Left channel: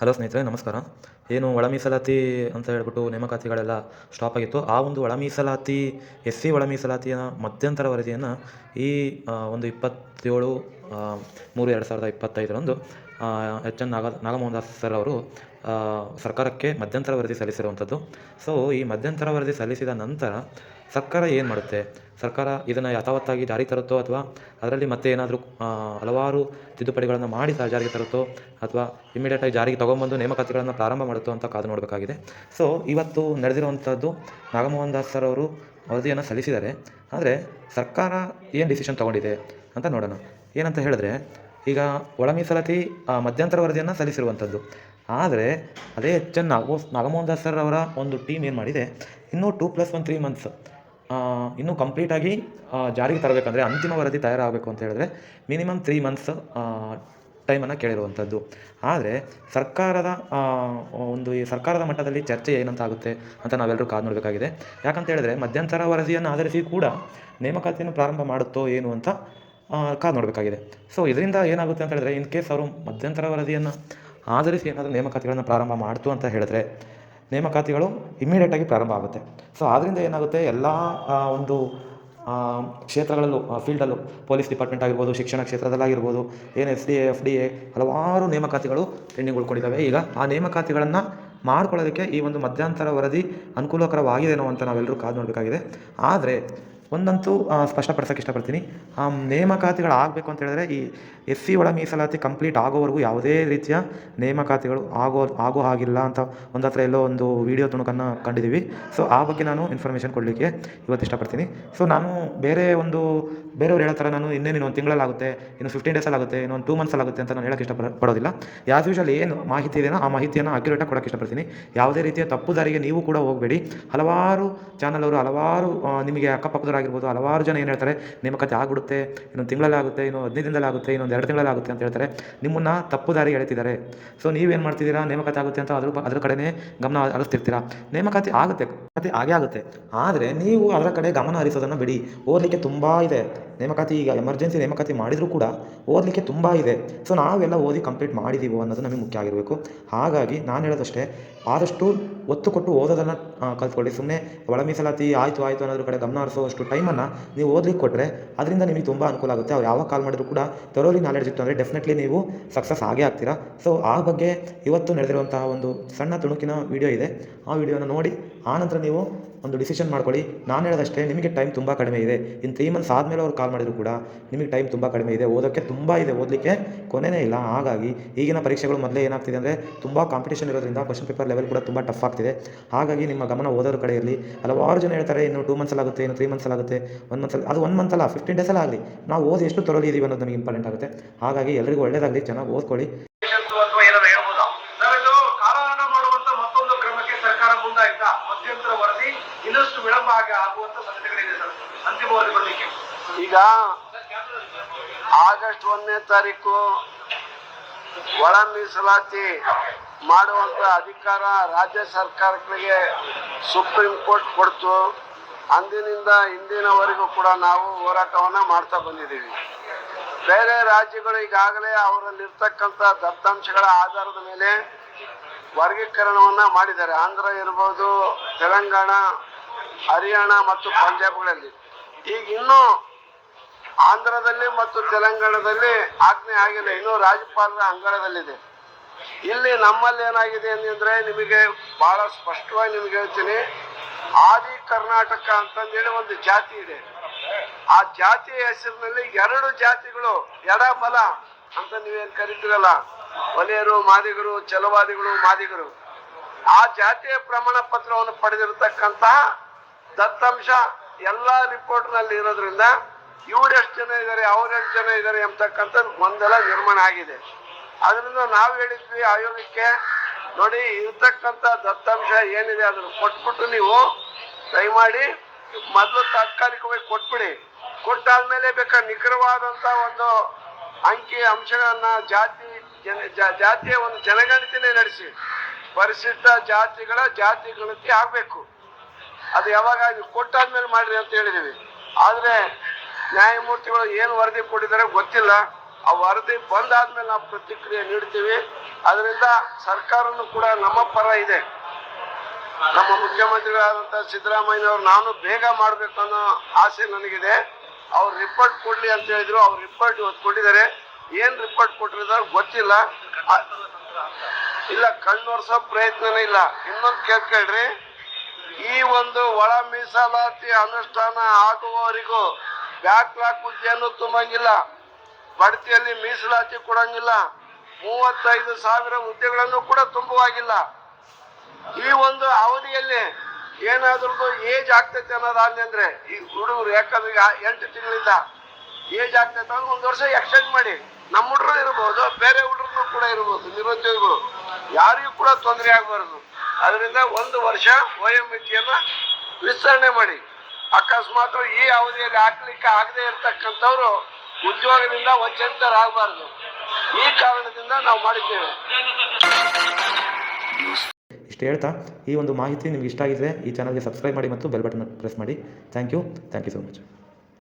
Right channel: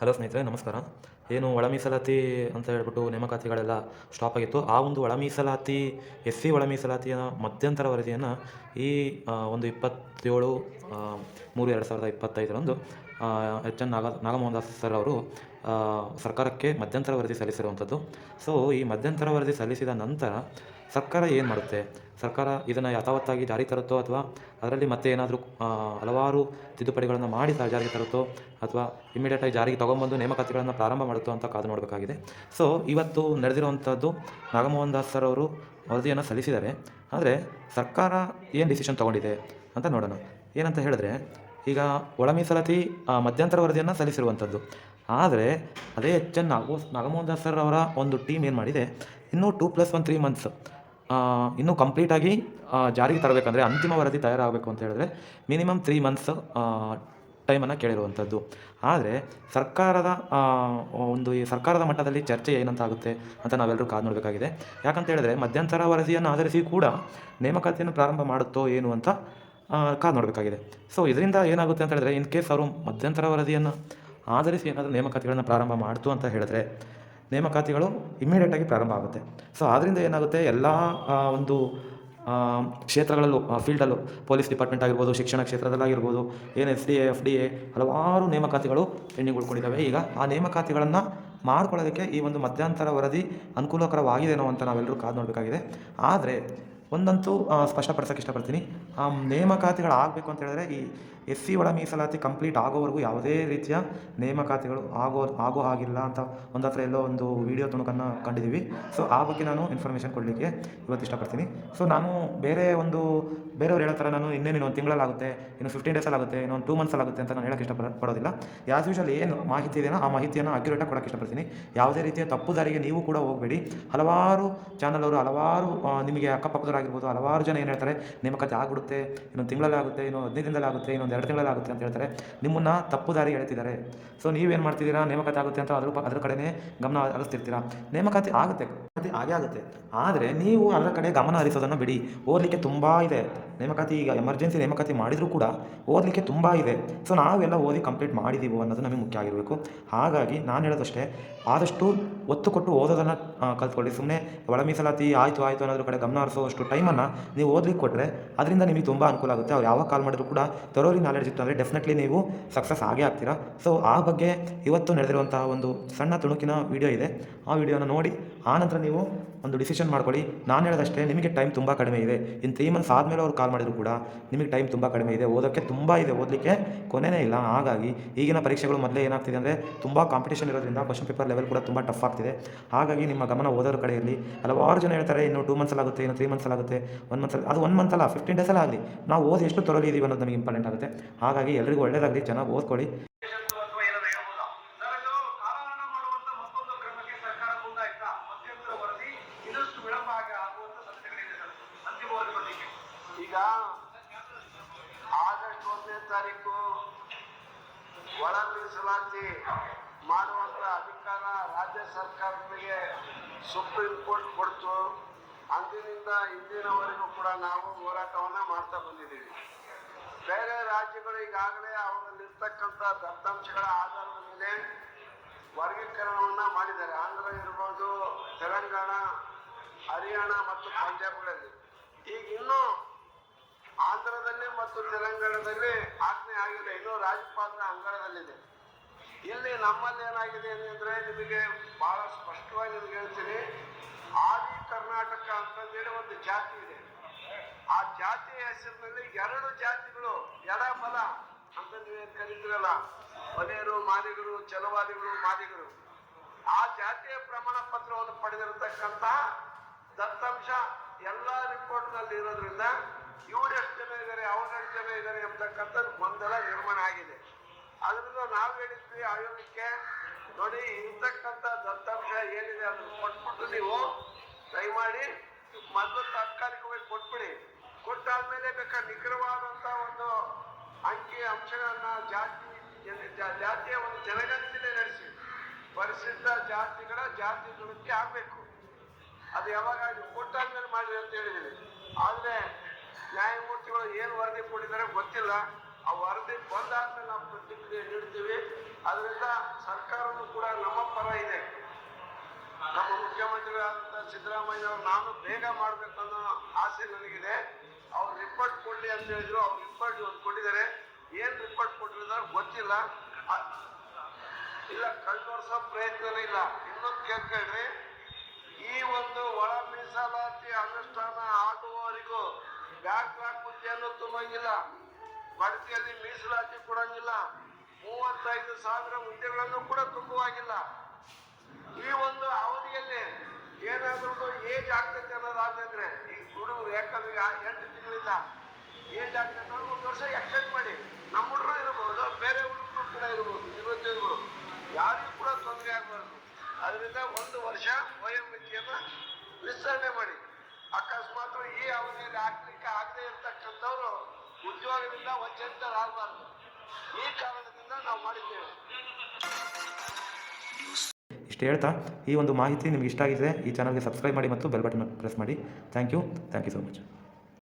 Hello ಸ್ನೇಹಿತರೆ, ನಮಸ್ಕಾರ. ಏನು ಒಳ ಮೀಸಲಾತಿ ಅಂತ ಹೇಳ್ಬಿಟ್ಟು ನೇಮಕಾತಿಗಳೆಲ್ಲ ಸ್ಟಾಪ್ ಆಗಿತ್ತು. ಆ ಒಂದು ಒಳ ಮೀಸಲಾತಿ ಎಸ್ ಸಿ ಒಳ ಮೀಸಲಾತಿಯ ಮಧ್ಯಂತರ ವರದಿಯನ್ನು ಈ ಒಂದು 27/3/2025 H N Nagamohan Das sir ಅವರು ಸರ್ಕಾರಕ್ಕೆ ಮಧ್ಯಂತರ ವರದಿ ಸಲ್ಲಿಸಿರುವಂಥದ್ದು. ಸೊ ಈ ಮಧ್ಯಂತರ ವರದಿ ಸಲ್ಲಿಸಿದ ನಂತರ ಸರ್ಕಾರ ಏನು ಮಾಡುತ್ತೆ, ಸರ್ಕಾರ ಇದನ್ನು ಯಥಾವತ್ತಾಗಿ ಜಾರಿಗೆ ತರುತ್ತೋ ಅಥವಾ ಅದರಲ್ಲಿ ಮತ್ತೆ ಏನಾದರೂ ಹಲವಾರು ತಿದ್ದುಪಡಿಗಳನ್ನು ಮಾಡಿ ಜಾರಿಗೆ ತರುತ್ತೋ ಅಥವಾ ಇಮಿಡಿಯೇಟಾಗಿ ಜಾರಿಗೆ ತೊಗೊಂಬಂದು ನೇಮಕಾತಿಗಳನ್ನು ಪ್ರಾರಂಭ ಮಾಡುತ್ತೋ ಅಂತ ಕಾದು ನೋಡಬೇಕಾಗಿದೆ. ಸೊ ಇವತ್ತು ನಡೆದಿರುವಂಥದ್ದು, ನಾಗಮೋಹನ್ ದಾಸ್ ಸರ್ ಅವರು ವರದಿಯನ್ನು ಸಲ್ಲಿಸಿದ್ದಾರೆ. ಆದರೆ ಸರ್ಕಾರ ಏನು ಡಿಸಿಷನ್ ತೊಗೊಂಡಿದೆ ಅಂತ ನೋಡೋಣ. ಏನಂತ ಹೇಳಿದ್ರೆ, ಈಗ ಒಳ ಮೀಸಲಾತಿ ಮಧ್ಯಂತರ ವರದಿಯನ್ನು ಸಲ್ಲಿಸಿರುವಂಥದ್ದು. ಆದರೆ ಅದೇ H N Nagamohan Das sir ಅವರ ಒಂದು ಟೀಮ್ ಏನು ಮಾಡಿದೆ, ಇನ್ನೂ 2+1 3 ಮಂತ್ಸ್ ಇನ್ನೂ ಕಂಪ್ಲೀಟಾಗಿ ಜಾರಿಗೆ ತರಬೇಕಂದ್ರೆ, ಅಂತಿಮ ವರದಿ ತಯಾರಾಗಬೇಕು ಅಂತ ಹೇಳಿದ್ರೆ ಮಿನಿಮಮ್ 3 ಮಂತ್ಸ್ ಟೈಮನ್ನು ಕೇಳಿರುವಂಥದ್ದು. ಆದರೆ ಈ ಸರ್ಕಾರದ ಮಟ್ಟದಲ್ಲಿ ಚರ್ಚೆ ಏನಂತ ಆಗುತ್ತೆ ಅಂತ ನಾವೆಲ್ಲರೂ ಕಾದು ನೋಡಬೇಕಾಗಿದೆ. ಯಾಕಂತ ಹೇಳಿದ್ರೆ, ಮಧ್ಯಂತರ ವರದಿಯನ್ನು ಆಧರಿಸಿ ಕೂಡ ನೇಮಕಾತಿಯನ್ನು ಪ್ರಾರಂಭ ಮಾಡುತ್ತೋ ಏನು ಅಂತ ಕಾದು ನೋಡಬೇಕಾಗಿದೆ. ಸೊ ಇದರಿಂದ ಏನಾಗುತ್ತೆ ಅಂತ ಹೇಳಿದ್ರೆ, ಇನ್ ಕೇಸ್ ಅವರು ಮಧ್ಯಂತರ ವರದಿಯನ್ನು ಆಧರಿಸಿ ಏನಾದರೂ ನೇಮಕಾತಿಗಳನ್ನು ಪ್ರಾರಂಭ ಮಾಡ್ತು ಅಂತ ಹೇಳಿದ್ರೆ ನೇಮಕಾತಿಗಳು ಇಮ್ಮಿಡಿಯೇಟಾಗಿ ಪ್ರಾರಂಭ ಆಗುತ್ತೆ. ಸೊ ಆದ್ದರಿಂದ ಏನಾಗುತ್ತೆ, ಎಲ್ಲ ಒಂದು ಕ್ಷೇತ್ರಗಳಲ್ಲೂ, ಫೀಲ್ಡಲ್ಲೂ, ಪೊಲೀಸ್ ಡಿಪಾರ್ಟ್ಮೆಂಟ್ ಆಗಿರ್ಬೋದು, ಶಿಕ್ಷಣ ಕ್ಷೇತ್ರದಲ್ಲಾಗಿರ್ಬೋದು, ಏನು SDA FDA ಹಲವಾರು ನೇಮಕಾತಿಗಳು ಪೆಂಡಿಂಗ್ ಉಳ್ಕೊಂಡಿದ್ದಾವೆ. ಈಗ ಆ ನೇಮಕಾತಿಗಳನ್ನು ಮಾಡ್ಕೊಳ್ಳೋದಕ್ಕೆ ಈ ಒಂದು ಮಧ್ಯಂತರ ವರದಿ ಅನುಕೂಲಕರವಾಗಿದೆನೋ ಅಂತ ನಾವೆಲ್ಲರೂ ಕಾದು ನೋಡಬೇಕಾಗಿದೆ. ಆದರೆ ಒಂದಂತೂ ಸ್ಪಷ್ಟಪಡಿಸೋಕ್ಕೆ ಇಷ್ಟಪಡ್ತೀನಿ, ನೇಮಕಾತಿಗಳಾಗಬೇಕು ಅಂತ ಹೇಳಿದ್ರೆ ಈ SC ಒಳ ಮೀಸಲಾತಿ ಕಂಪ್ಲೀಟ್ ಆಗೋವರೆಗೂ ಯಾವುದೇ ರೀತಿಯ ನೇಮಕಾತಿಗಳು ಆಗೋ ಹಾಗಿಲ್ಲ ಅಂತ ಒಂದು ಹತ್ರ ಎಲ್ಲೋ ಒಂದು ವಿಡಿಯೋ ತುಣುಕನ್ನು ಕಂಡಿದ್ದೀವಿ. ಸೊ ಆ ಬಗ್ಗೆ ನಾನು ಇನ್ಫಾರ್ಮೇಷನ್ ಕೊಡಲಿಕ್ಕೆ ಇವತ್ತು ಇಷ್ಟಪಡ್ತೀನಿ. ಸೊ ನಾನು ಬೇರೆಯವ್ರು ಹೇಳೋ ಥರ ನಾನು ಇನ್ನೇನು ಒಂದು ತಿಂಗಳಲ್ಲಾಗುತ್ತೆ, ಇನ್ನು 15 ಡೇಸಲ್ಲಾಗುತ್ತೆ, ಇನ್ನೊಂದು 2 ಮಂತ್ಸಲ್ಲಾಗುತ್ತೆ ಅಂತ ನಾನು ಹೇಳೋಕ್ಕೆ ಇಷ್ಟಪಡೋದಿಲ್ಲ. ಆ್ಯಸ್ ಯೂಶುವಲ್ ಏನು ಮಾಹಿತಿ ಇದೆಯೋ ಆ ಮಾಹಿತಿಯನ್ನು ಅಕ್ಯುರೇಟಾಗಿ ಕೊಡೋಕ್ಕೆ ಇಷ್ಟಪಡ್ತೀನಿ. ಯಾವುದೇ ರೀತಿಯ ತಪ್ಪು ದಾರಿಗೆ ನೀವು ಕೂಡ ಹೋಗಬೇಡಿ. ಹಲವಾರು ಚಾನಲ್ ಹಲವಾರು ನಿಮಗೆ ಅಕ್ಕಪಕ್ಕದವರಾಗಿರ್ಬೋದು, ಹಲವಾರು ಜನ ಏನು ಹೇಳ್ತಾರೆ, ನೇಮಕಾತಿ ಆಗಿಬಿಡುತ್ತೆ, ಇನ್ನೊಂದು ತಿಂಗಳಲ್ಲಾಗುತ್ತೆ, ಇನ್ನೂ 15 ದಿನದಲ್ಲಾಗುತ್ತೆ, ಇನ್ನೊಂದು 2 ತಿಂಗಳಲ್ಲಾಗುತ್ತೆ ಅಂತ ಹೇಳ್ತಾರೆ. ನಿಮ್ಮನ್ನು ತಪ್ಪು ದಾರಿಗೆ ಎಳಿತಿದ್ದಾರೆ. ಸೊ ನೀವೇನು ಮಾಡ್ತಿದ್ದೀರಾ, ನೇಮಕಾತಿ ಆಗುತ್ತೆ ಅಂತ ಅದ್ರ ಕಡೆನೇ ಗಮನ ಹರಿಸ್ತಿರ್ತೀರಾ. ನೇಮಕಾತಿ ಆಗೇ ಆಗುತ್ತೆ. ಆದರೆ ನೀವು ಅದರ ಕಡೆ ಗಮನ ಹರಿಸೋದನ್ನು ಬಿಡಿ. ಓದಲಿಕ್ಕೆ ತುಂಬ ಇದೆ ನೇಮಕಾತಿ. ಈಗ ಎಮರ್ಜೆನ್ಸಿ ನೇಮಕಾತಿ ಮಾಡಿದರೂ ಕೂಡ ಓದಲಿಕ್ಕೆ ತುಂಬ ಇದೆ. ಸೊ ನಾವೆಲ್ಲ ಓದಿ ಕಂಪ್ಲೀಟ್ ಮಾಡಿದ್ದೀವೋ ಅನ್ನೋದು ನಮಗೆ ಮುಖ್ಯ ಆಗಿರಬೇಕು. ಹಾಗಾಗಿ ನಾನು ಹೇಳೋದಷ್ಟೇ, ಆದಷ್ಟು ಒತ್ತು ಕೊಟ್ಟು ಓದೋದನ್ನು ಕಲ್ತ್ಕೊಳ್ಳಿ. ಸುಮ್ಮನೆ ಒಳ ಮೀಸಲಾತಿ ಆಯಿತು ಅನ್ನೋದ್ರ ಕಡೆ ಗಮನ ಹರಿಸೋಷ್ಟು ಟೈಮನ್ನು ನೀವು ಓದಲಿಕ್ಕೆ ಕೊಟ್ಟರೆ ಅದರಿಂದ ನಿಮಗೆ ತುಂಬ ಅನುಕೂಲ ಆಗುತ್ತೆ. ಅವ್ರು ಯಾವಾಗ ಕಾಲ್ ಮಾಡಿದ್ರು ಕೂಡ ಥರೋಲಿ ನಾಲೆಡ್ಜ್ ಇತ್ತು ಅಂದರೆ ಡೆಫಿನೆಟ್ಲಿ ನೀವು ಸಕ್ಸಸ್ ಆಗೇ ಆಗ್ತೀರಾ. ಸೊ ಆ ಬಗ್ಗೆ ಇವತ್ತು ನಡೆದಿರುವಂತಹ ಒಂದು ಸಣ್ಣ ತುಣುಕಿನ ವಿಡಿಯೋ ಇದೆ. ಆ ವಿಡಿಯೋನ ನೋಡಿ ಆನಂತರ ನೀವು ಒಂದು ಡಿಸಿಷನ್ ಮಾಡ್ಕೊಳ್ಳಿ. ನಾನು ಹೇಳೋದಷ್ಟೇ, ನಿಮಗೆ ಟೈಮ್ ತುಂಬ ಕಡಿಮೆ ಇದೆ. ಇನ್ನು 3 ಮಂತ್ಸ್ ಆದಮೇಲೆ ಅವ್ರು ಕಾಲ್ ಮಾಡಿದ್ರು ಕೂಡ ನಿಮಗೆ ಟೈಮ್ ತುಂಬ ಕಡಿಮೆ ಇದೆ. ಓದೋಕ್ಕೆ ತುಂಬ ಇದೆ, ಓದಲಿಕ್ಕೆ ಕೊನೆಯೇ ಇಲ್ಲ. ಹಾಗಾಗಿ ಈಗಿನ ಪರೀಕ್ಷೆಗಳು ಮೊದಲೇ ಏನಾಗ್ತಿದೆ ಅಂದರೆ ತುಂಬ ಕಾಂಪಿಟೇಷನ್ ಇರೋದ್ರಿಂದ ಕ್ವಶ್ಚನ್ ಪೇಪರ್ ಲೆವೆಲ್ ಕೂಡ ತುಂಬ ಟಫ್ ಆಗ್ತಿದೆ. ಹಾಗಾಗಿ ನಿಮ್ಮ ಗಮನ ಓದೋರ ಕಡೆ ಇರಲಿ. ಹಲವಾರು ಜನ ಹೇಳ್ತಾರೆ, ಇನ್ನು 2 ಮಂತ್ಸಲ್ಲಾಗುತ್ತೆ, ಇನ್ನು 3 ಮಂತ್ಸಲ್ಲಾಗುತ್ತೆ, 1 ಮಂತ್ಸಲ್ಲಿ. ಅದು 1 ಮಂತ್ ಅಲ್ಲ, 15 ಡೇಸಲ್ಲಿ ಆಗಲಿ. ನಾವು ಓದಿ ಎಷ್ಟು ತೊರಲಿ ಇದೀವಿ ಅನ್ನೋದು ನಮಗೆ ಇಂಪಾರ್ಟೆಂಟ್ ಆಗುತ್ತೆ. ಹಾಗಾಗಿ ಎಲ್ಲರಿಗೂ ಒಳ್ಳೆಯದಾಗಲಿ, ಚೆನ್ನಾಗಿ ಓದ್ಕೊಳ್ಳಿ. ಇನ್ನಷ್ಟು ವಿಳಂಬ ಆಗುವಂತ ಸಾಧ್ಯತೆಗಳಿದೆ ಸರ್. ಅಂತಿಮವಾಗಿ ಬರಲಿಕ್ಕೆ ಈಗ ಆಗಸ್ಟ್ 1ನೇ ತಾರೀಕು ಒಳ ಮೀಸಲಾತಿ ಮಾಡುವಂತ ಅಧಿಕಾರ ರಾಜ್ಯ ಸರ್ಕಾರಗಳಿಗೆ ಸುಪ್ರೀಂ ಕೋರ್ಟ್ ಕೊಡ್ತು. ಅಂದಿನಿಂದ ಇಂದಿನವರೆಗೂ ಕೂಡ ನಾವು ಹೋರಾಟವನ್ನ ಮಾಡ್ತಾ ಬಂದಿದ್ದೀವಿ. ಬೇರೆ ರಾಜ್ಯಗಳು ಈಗಾಗಲೇ ಅವರಲ್ಲಿರ್ತಕ್ಕಂಥ ದತ್ತಾಂಶಗಳ ಆಧಾರದ ಮೇಲೆ ವರ್ಗೀಕರಣವನ್ನ ಮಾಡಿದ್ದಾರೆ. ಆಂಧ್ರ ಇರ್ಬೋದು, ತೆಲಂಗಾಣ, ಹರಿಯಾಣ ಮತ್ತು ಪಂಜಾಬ್ಗಳಲ್ಲಿ. ಈಗ ಇನ್ನೂ ಆಂಧ್ರದಲ್ಲಿ ಮತ್ತು ತೆಲಂಗಾಣದಲ್ಲಿ ಆಜ್ಞೆ ಆಗಿಲ್ಲ, ಇನ್ನೂ ರಾಜ್ಯಪಾಲರ ಅಂಗಳದಲ್ಲಿದೆ. ಇಲ್ಲಿ ನಮ್ಮಲ್ಲಿ ಏನಾಗಿದೆ ಅಂದ್ರೆ, ನಿಮಗೆ ಬಹಳ ಸ್ಪಷ್ಟವಾಗಿ ನಿಮಗೆ ಹೇಳ್ತೀನಿ, ಆದಿ ಕರ್ನಾಟಕ ಅಂತಂದೇಳಿ ಒಂದು ಜಾತಿ ಇದೆ. ಆ ಜಾತಿಯ ಹೆಸರಿನಲ್ಲಿ 2 ಜಾತಿಗಳು ಎಡಬಲ ಅಂತ ನೀವೇನ್ ಕರಿತೀರಲ್ಲ, ಒಲೆಯರು, ಮಾದಿಗರು, ಛಲವಾದಿಗಳು, ಮಾದಿಗರು, ಆ ಜಾತಿಯ ಪ್ರಮಾಣ ಪತ್ರವನ್ನು ಪಡೆದಿರತಕ್ಕಂತಹ ದತ್ತಾಂಶ ಎಲ್ಲ ರಿಪೋರ್ಟ್ ನಲ್ಲಿ ಇರೋದ್ರಿಂದ ಇವರೆಷ್ಟು ಜನ ಇದ್ದಾರೆ, ಅವರೆಷ್ಟು ಜನ ಇದ್ದಾರೆ ಎಂಬತಕ್ಕಂಥ ಗೊಂದಲ ನಿರ್ಮಾಣ ಆಗಿದೆ. ಅದರಿಂದ ನಾವು ಹೇಳಿದ್ವಿ ಆಯೋಗಕ್ಕೆ, ನೋಡಿ ಇರ್ತಕ್ಕಂಥ ದತ್ತಾಂಶ ಏನಿದೆ ಅದನ್ನು ಕೊಟ್ಬಿಟ್ಟು ನೀವು ದಯಮಾಡಿ ಮೊದಲು ತಾತ್ಕಾಲಿಕವಾಗಿ ಕೊಟ್ಬಿಡಿ. ಕೊಟ್ಟಾದ್ಮೇಲೆ ಬೇಕಾದ್ರೆ ನಿಖರವಾದಂತ ಒಂದು ಅಂಕಿ ಅಂಶಗಳನ್ನ ಜಾತಿಯ ಒಂದು ಜನಗಣತಿನೇ ನಡೆಸಿ ಪರಿಶಿಷ್ಟ ಜಾತಿಗಳ ಜಾತಿ ಗಣತಿ ಆಗ್ಬೇಕು. ಅದು ಯಾವಾಗ ಕೊಟ್ಟಾದ್ಮೇಲೆ ಮಾಡ್ರಿ ಅಂತ ಹೇಳಿದೀವಿ. ಆದ್ರೆ ನ್ಯಾಯಮೂರ್ತಿಗಳು ಏನು ವರದಿ ಕೊಟ್ಟಿದ್ದಾರೆ ಗೊತ್ತಿಲ್ಲ. ಆ ವರದಿ ಬಂದಾದ್ಮೇಲೆ ನಾವು ಪ್ರತಿಕ್ರಿಯೆ ನೀಡ್ತೀವಿ. ಅದರಿಂದ ಸರ್ಕಾರನೂ ಕೂಡ ನಮ್ಮ ಪರ ಇದೆ. ನಮ್ಮ ಮುಖ್ಯಮಂತ್ರಿಗಳಾದಂಥ ಸಿದ್ದರಾಮಯ್ಯನವರು ನಾನು ಬೇಗ ಮಾಡಬೇಕು ಅನ್ನೋ ಆಸೆ ನನಗಿದೆ. ಅವ್ರು ರಿಪೋರ್ಟ್ ಕೊಡ್ಲಿ ಅಂತ ಹೇಳಿದ್ರು, ಅವ್ರು ರಿಪೋರ್ಟ್ ಇವತ್ತು ಕೊಟ್ಟಿದ್ದಾರೆ. ಏನ್ ರಿಪೋರ್ಟ್ ಕೊಟ್ಟಿದ್ದಾರೆ ಗೊತ್ತಿಲ್ಲ. ಇಲ್ಲ, ಕಣ್ಣೊರ್ಸೋ ಪ್ರಯತ್ನನೇ ಇಲ್ಲ. ಇನ್ನೊಂದು ಕೇಳ್ಕೊಳ್ರಿ, ಈ ಒಂದು ಒಳ ಮೀಸಲಾತಿ ಅನುಷ್ಠಾನ ಆಗುವವರಿಗೂ ಬ್ಯಾಕ್ಲಾಗ್ ಹುದ್ದೆಯನ್ನು ತುಂಬಂಗಿಲ್ಲ, ಬಡ್ತಿಯಲ್ಲಿ ಮೀಸಲಾತಿ ಕೊಡಂಗಿಲ್ಲ, 35,000 ಹುದ್ದೆಗಳನ್ನು ಕೂಡ ತುಂಬುವಾಗಿಲ್ಲ. ಈ ಒಂದು ಅವಧಿಯಲ್ಲಿ ಏನಾದ್ರೂ ಏಜ್ ಆಗ್ತೈತೆ ಅನ್ನೋದಾಗ್ಲಿ ಅಂದ್ರೆ ಈ ಹುಡುಗರು, ಯಾಕಂದ್ರೆ 8 ತಿಂಗಳಿಂದ ಏಜ್ ಆಗ್ತೈತೆ ಅಂದ್ರೆ 1 ವರ್ಷ ಎಕ್ಸ್ಟೆಂಡ್ ಮಾಡಿ. ನಮ್ಮ ಹುಡುಗರು ಇರ್ಬೋದು, ಬೇರೆ ಹುಡುಗರು ಕೂಡ ಇರ್ಬೋದು, ನಿರುದ್ಯೋಗಿಗಳು, ಯಾರಿಗೂ ಕೂಡ ತೊಂದರೆ ಆಗಬಾರದು. ಅದರಿಂದ 1 ವರ್ಷ ವಯೋಮಿತಿಯನ್ನ ವಿಸ್ತರಣೆ ಮಾಡಿ. ಅಕಸ್ಮಾತ್ ಈ ಅವಧಿಯಲ್ಲಿ ಹಾಕ್ಲಿಕ್ಕೆ ಆಗದೆ ಇರ್ತಕ್ಕಂಥವ್ರು ಉದ್ಯೋಗದಿಂದ ವಂಚಿತರಾಗಬಾರದು. ಈ ಕಾರಣದಿಂದ ನಾವು ಮಾಡಿದ್ದೇವೆ. ಇಷ್ಟು ಹೇಳ್ತಾ, ಈ ಒಂದು ಮಾಹಿತಿ ನಿಮ್ಗೆ ಇಷ್ಟ ಆಗಿದ್ರೆ ಈ ಚಾನಲ್ಗೆ ಸಬ್ಸ್ಕ್ರೈಬ್ ಮಾಡಿ ಮತ್ತು ಬೆಲ್ ಬಟನ್ ಪ್ರೆಸ್ ಮಾಡಿ. Thank you so much.